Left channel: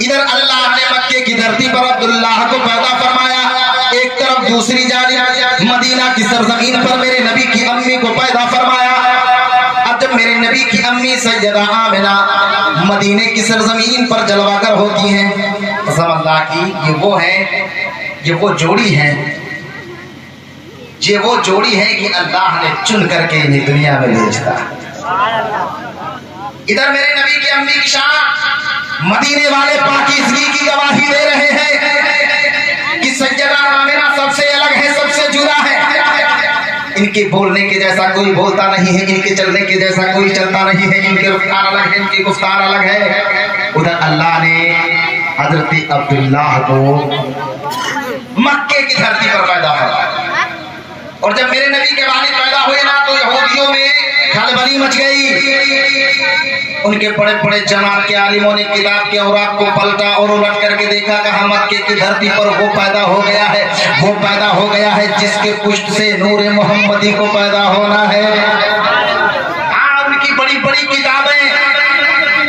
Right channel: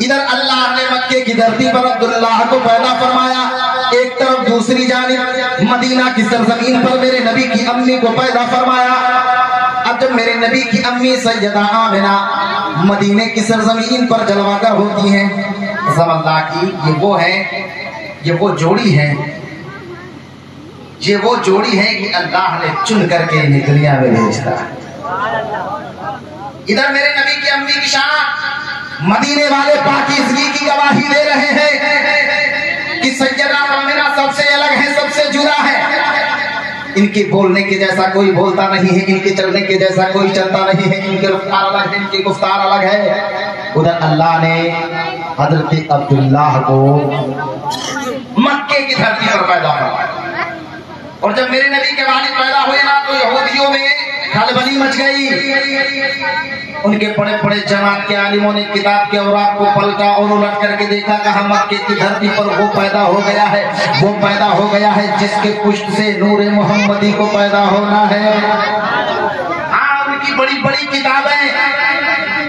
ادھر اللہ نے مکے کی دھرتی پر عبداللہ کو پیدا فرمایا، ایک طرف دوسری جانب مدینہ کی سرزمین پر میرے نبی کی امی کو پیدا فرمایا۔ اب جب میرے نبی کی امی سیدہ آمنہ مدینہ کی سرزمین پر جلوہ گر ہوتی ہیں، قسم اللہ کی یہ وہ جوڑی ہے کہ اللہ نے چن کر کے انہیں دنیا میں بھیجتا۔ ادھر میرے نبی کی امی کی شان مدینے والے پاکیزگی کی گواہی دے رہے ہیں کہ سیدہ آمنہ سب سے الگ ہے، سب سے جدا ہے، ان کے بولنے کے جیسا کوئی بولتا نہیں ہے، ان کے چلنے کے جیسا کوئی چلتا نہیں ہے، ان کے رفتار الگ ہے، ان کی گفتار الگ ہے۔ ادھر اللہ نے حضرت عبداللہ کو مکے کی دھرتی پر پیدا فرمایا، اور جب میرے نبی کے والد پیدا ہوئے نا تو یہودیوں میں کھلبلی مچ گئی۔ ان کے بڑے بڑے جماعت کے عالموں نے کتاب کے اوراق کو پلٹا اور الٹ کر کے دیکھا، کہاں مکے کی دھرتی پر وہ پیدا ہو گیا ہے جس کے پشت سے نور محمدی کو پیدا ہونا ہے۔ ان کی بڑی بڑی کتابیں،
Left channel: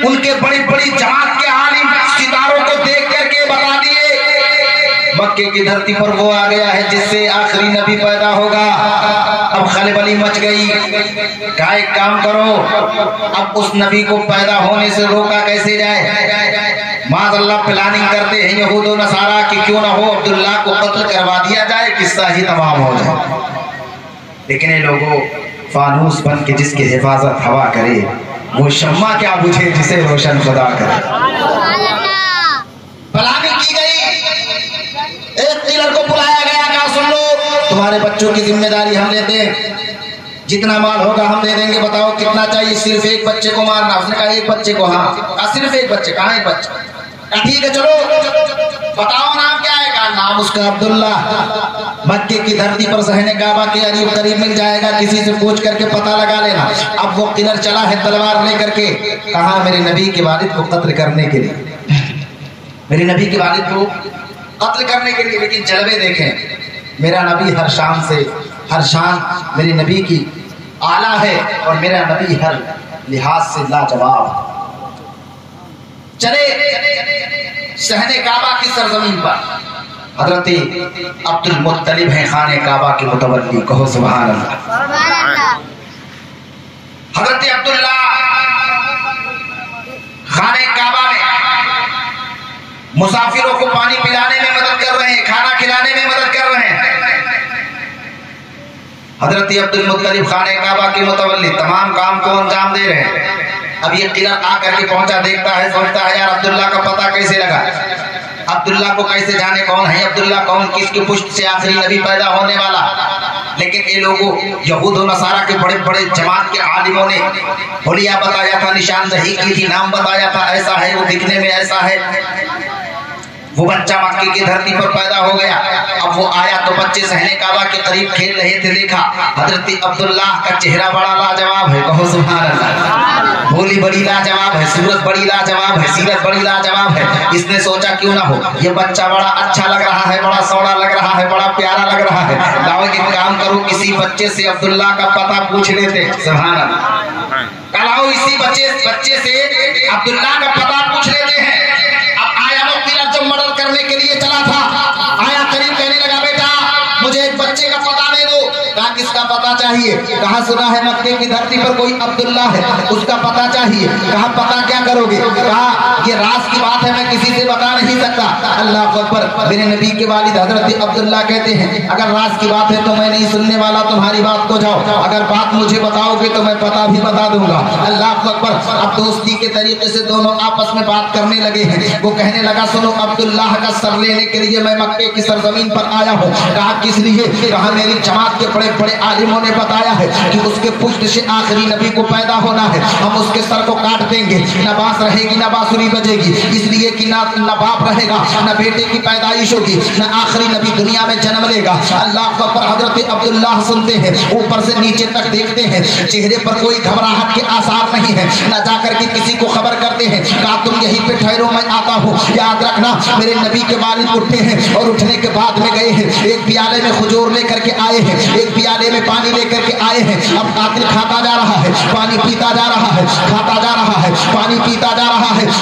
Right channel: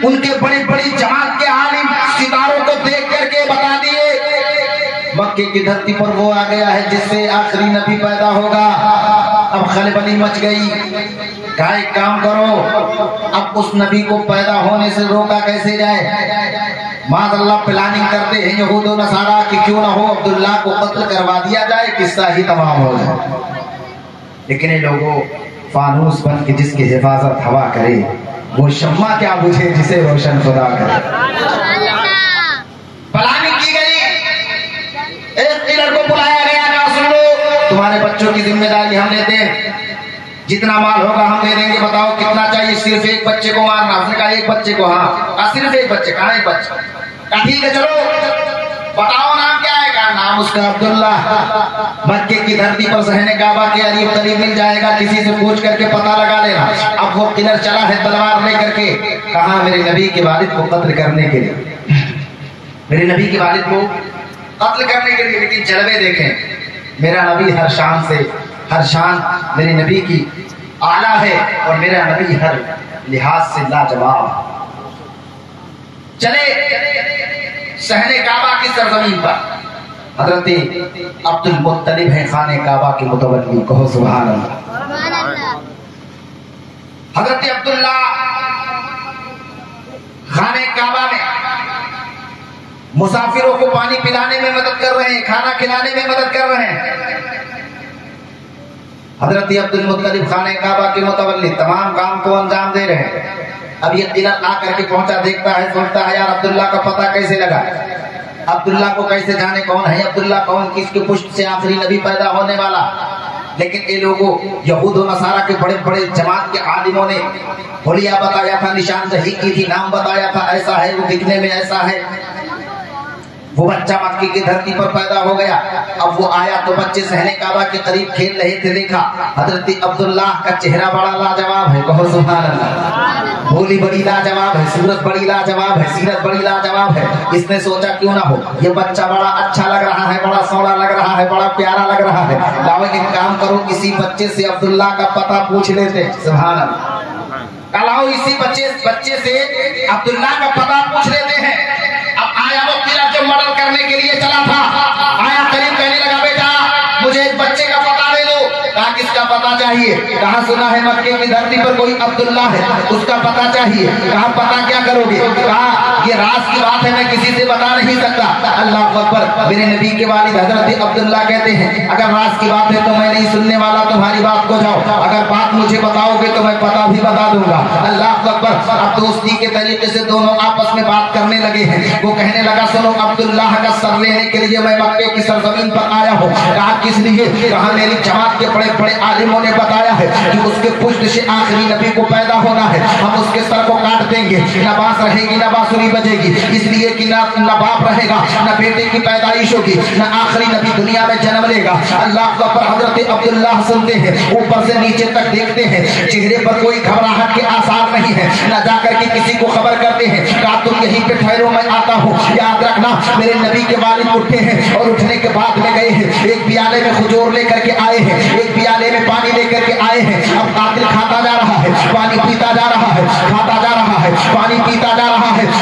ان کے بڑی بڑی جماعت کے عالم ستاروں کو دیکھ کر کے بتا دیے مکے کی دھرتی پر وہ آ گیا ہے جس سے آخری نبی پیدا ہوگا۔ اب خلبلی مچ گئی، کہا ایک کام کرو، اب اس نبی کو پیدا ہونے سے روکا کیسے جائے؟ معاذ اللہ پلاننگ کرتے ہیں یہود و نصارہ کی کیوں نہ ہو عبداللہ کو قتل کروا دیا جائے، قصہ ہی تمام ہو جائے۔ لیکن یہ لوگوں فانوس بن کے جس کی حفاظت ہوا کرے، وہ شمع کیا بجھے جسے روشن خدا کرے۔ پلاننگ کی گئی، ایک کلر کو بلایا گیا، کہا سن لو تمہارے بچوں کی ذمہ داری ہم لیتے ہیں، جتنا مال ہوگا ہم دے دیں گے، بتاؤ کتنا چاہیے؟ صرف ایک بچے کو مارنا۔ اس نے کہا ایک بچے کو؟ ہاں۔ صرف ایک بچے؟ کہاں ایک بچہ؟ کہا ٹھیک ہے چلو بتاؤ نام کیا ہے؟ کہا نام اس کا عبداللہ، مکے کی دھرتی پر صحن کعبہ کے قریب مل جائے گا، کسی سے پوچھ کر کے پتہ لگا لینا۔ اب وہ کلر چلا ہے تلوار لے کر کے، کہاں میرے نبی کے والد کو قتل کرنے کے لیے، میرے نبی کے والد کو قتل کرنے کے لیے۔ لیکن جلوے دیکھیں، میرا نبی ہر شان میرے نبی کی اعلیٰ ہے، اور میرا نبی ہر لحاظ سے لاجواب۔ چلے صحن کعبہ کی سرزمین پر حضرت عبد المطلب ہیں خانہ کعبہ کے متولی، کہو سبحان اللہ۔ حضرت عبداللہ خانہ کعبہ میں مسافروں کو پانی پلانے میں مدد کر رہے ہیں، کھانا کھلانے میں مدد کر رہے ہیں۔ حضرت عبد المطلب خانہ کعبہ کے متولی تمام کام کو انجام دے رہے ہیں۔ اب یہ قلعہ آ کر کے پہنچا، دیکھتا ہے، سوچتا ہے یار عبداللہ کا پتہ کیسے لگا، عبداللہ کو کیسے جانے کون ہے عبداللہ، کون کس کے پشت سے آخری نبی پیدا ہونے والا۔ لیکن یہ لوگوں یہود و نصارہ کے بڑے بڑے جماعت کے عالموں نے حلیہ بتایا تھا، نشاندہی کی تھی، نام بتایا تھا، ایسا ہے وہ، دکھنے میں ایسا ہے۔ وہ بچہ مکے کی دھرتی پر پیدا ہو گیا۔ اب وہ آیا تو بچے صحن کعبہ کے قریب کھیل رہے تھے، دیکھا حضرت عبداللہ کا چہرہ بڑا لاجواب ہے، کہو سبحان اللہ۔ بولی بڑی لاجواب ہے، صورت بڑی لاجواب ہے، سیرت بڑی لاجواب ہے۔ اس نے سوچا کیوں نہ ہو، یہ بچہ بڑا اچھا لگ رہا ہے، بڑا سوڑا لگ رہا ہے، بڑا پیارا لگ رہا ہے، لاؤ ایک کام کرو کسی بچے سے عبداللہ کا پتہ پوچھ لیتے، سبحان اللہ۔ لاؤ اسی بچے سے عبداللہ کا پتہ پوچھ لیتے ہیں۔ اب آیا وہ قلعہ جب مدد کرنے کے لیے چلا تھا، آیا قریب کہنے لگا بیٹا مجھے ایک بچے کا پتہ دے دو۔ کہا کس کا پتہ چاہیے؟ کہا سنا ہے مکے کی دھرتی پر کوئی عبداللہ ہے، اس کا پتہ چاہیے۔ کہا پتہ کیا کرو گے؟ کہا یہ راز کی بات ہے، میں کسی سے بتا نہیں سکتا۔ اللہ اکبر۔ میرے نبی کے والد حضرت عبداللہ کہتے ہیں اگر راز کی بات ہے تو میں نہیں سننے والا تمہاری بات کو، جاؤ اگر بات مجھے بتاؤ گے تو میں پتہ بھی بتا دوں گا۔ اللہ اکبر۔ اب دوستی کے طریقے سے دونوں آپس میں بات کرنے لگے ہیں۔ وہ کہنے لگا سنو عبداللہ کا سر لینے کے لیے میں مکے کی سرزمین پر آیا ہوں۔ کہا کس لیے؟ کہا میری جماعت کے بڑے بڑے عالموں نے بتایا ہے کہ اس کے پشت سے آخری نبی کو پیدا ہونا ہے، ہم اس کے سر کو کاٹ دیں گے، نہ بانس رہے گی نہ بانسری بجے گی، اس لیے کہ نہ باپ رہے گا نہ بیٹے کی پیدائش ہوگی، نہ آخری نبی دنیا میں جنم لے گا۔ اللہ پر حضرت عبداللہ سنتے ہیں، اوپر سے نیچے تک دیکھتے ہیں، چہرے پر کوئی گھبراہٹ کے آثار نہیں ہے، نہ جا کر کے کسی کو خبر کرتے ہیں۔ کہا تم یہیں پہ ٹھہرو میں آتا ہوں۔ یاد رکھنا میرے نبی کے والد اٹھے ہیں اور اٹھنے کے بعد میں گئے ہیں، ایک پیالے میں کھجور لے کر کے آئے ہیں، ایک پیالے میں پانی لے کر کے آئے ہیں۔ اب قاتل کھاتا جا رہا ہے، پانی پیتا جا رہا ہے، کھاتا جا رہا ہے، پانی پیتا جا رہا ہے۔